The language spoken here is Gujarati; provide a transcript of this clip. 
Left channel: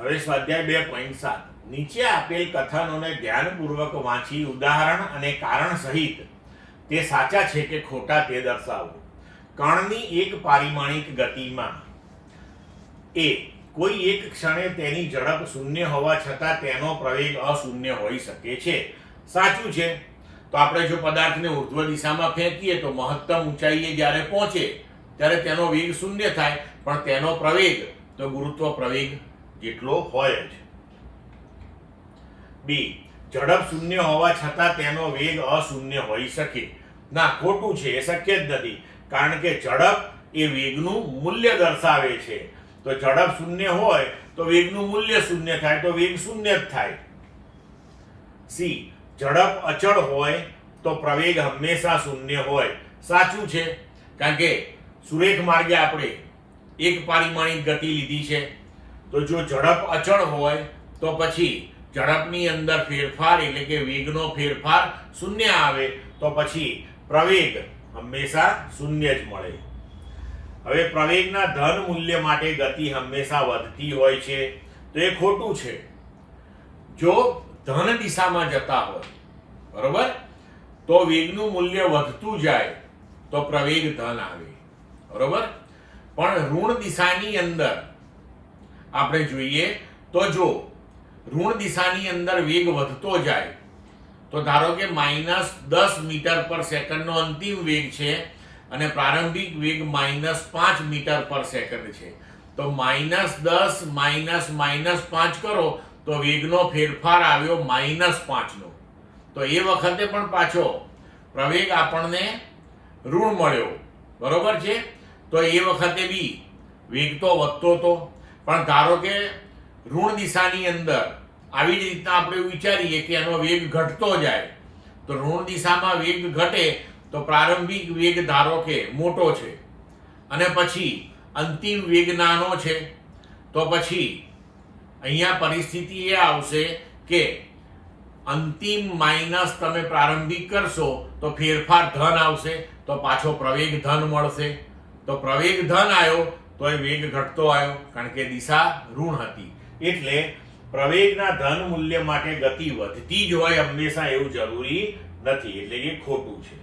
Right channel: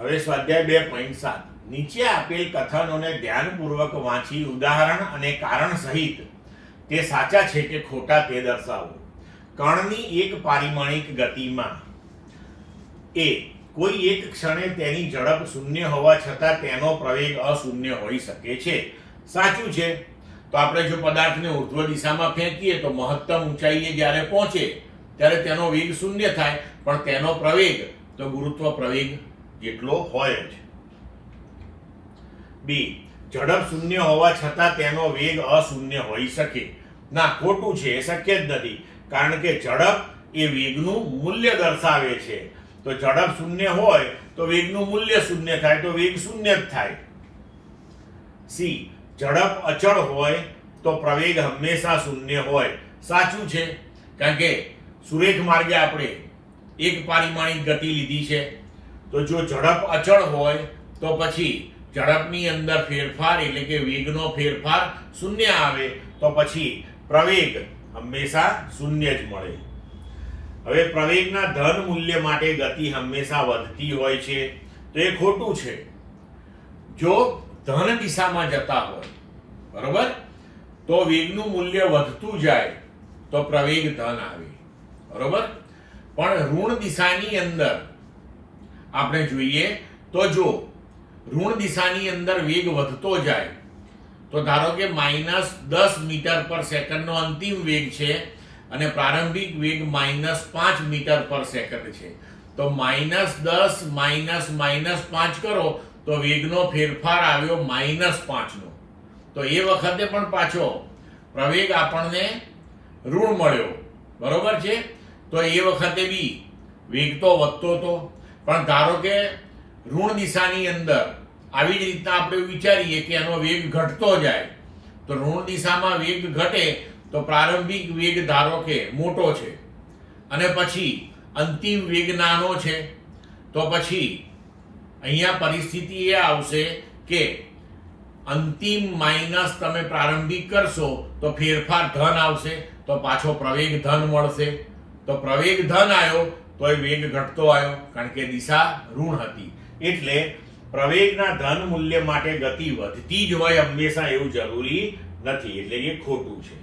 હવે સ્વાધ્યાય 2.7 નીચે આપેલ કથનોને ધ્યાનપૂર્વક વાંચી ઉદાહરણ અને કારણ સહિત તે સાચા છે કે ખોટા તે દર્શાવો. કણની એક પારિમાણિક ગતિમાં એ કોઈ એક ક્ષણે તેની ઝડપ શૂન્ય હોવા છતાં તેનો પ્રવેગ અશૂન્ય હોઈ શકે છે. સાચું છે. તો આપણે જો પદાર્થને ઉર્ધ્વ દિશામાં ફેંકીએ તો મહત્તમ ઊંચાઈએ જ્યારે પહોંચે ત્યારે તેનો વેગ શૂન્ય થાય, પણ તેનો પ્રવેગ તો ગુરુત્વ પ્રવેગ જેટલો હોય જ. બી, ઝડપ શૂન્ય હોવા છતાં તેનો વેગ અશૂન્ય હોઈ શકે. ના, ખોટું છે. એ શક્ય જ નથી, કારણ કે ઝડપ એ વેગનું મૂલ્ય દર્શાવે છે. તો ઝડપ શૂન્ય હોય તો વેગનું મૂલ્ય શૂન્ય થાય, તો વેગ શૂન્ય જ થાય. સી, ઝડપ અચળ હોય તો પ્રવેગ હંમેશા શૂન્ય હોય. સાચું છે, કારણ કે સુરેખ માર્ગે આપણે એક પારિમાણિક ગતિ લીધી છે. તો જો ઝડપ અચળ હોય તો પછી ઝડપની અંદર ફેરફાર એટલે કે વેગનો ફેરફાર શૂન્ય આવે, તો પછી પ્રવેગ હંમેશા શૂન્ય જ મળે. હવે પ્રવેગના ધન મૂલ્ય માટે ગતિ હંમેશા વધતી હોય છે, તો એ ખોટું છે. જો ધન દિશામાં જતા હોય, બરોબર, તો વેગનું મૂલ્ય વધતું જાય તો પ્રવેગ ધન આવે, બરોબર. પણ ઋણ દિશાની અંદર આપણે જોઈએ તો જો ઋણ દિશાની અંદર વેગ વધતો જાય તો ધારો કે -10 મીટર પર સેકન્ડનો અંતિમ વેગ છે અને પ્રારંભિક વેગ -5 મીટર પર સેકન્ડ છે. તો -10 -5 કરો તો વેગનો ફેરફાર આવ્યો -5 નો. તો એ વખતે પણ પાછો પ્રવેગ આપણને ઋણ મળ્યો, બરોબર છે. તો એ વખતે બી વેગ તો વધતો હતો, પણ ધારો કે ઋણ દિશાની અંદર આવી જ રીતના આપણે વિચારીએ કે એનો વેગ ઘટતો જાય, તો ઋણ દિશામાં વેગ ઘટે તો પ્રારંભિક વેગ ધારો કે મોટો છે અને પછી અંતિમ વેગ નાનો છે, તો પછી અહીંયા પરિસ્થિતિ એ આવશે કે અંતિમ માઇનસ તમે પ્રારંભિક કરશો તો ફેરફાર ધન આવશે, તો પાછો પ્રવેગ ધન મળશે. તો પ્રવેગ ધન આવ્યો તો એ વેગ ઘટતો આવ્યો, કારણ કે દિશા ઋણ હતી. એટલે પ્રવેગના ધન મૂલ્ય માટે ગતિ વધતી જ હોય હંમેશા એવું જરૂરી નથી, એટલે એ ખોટું છે.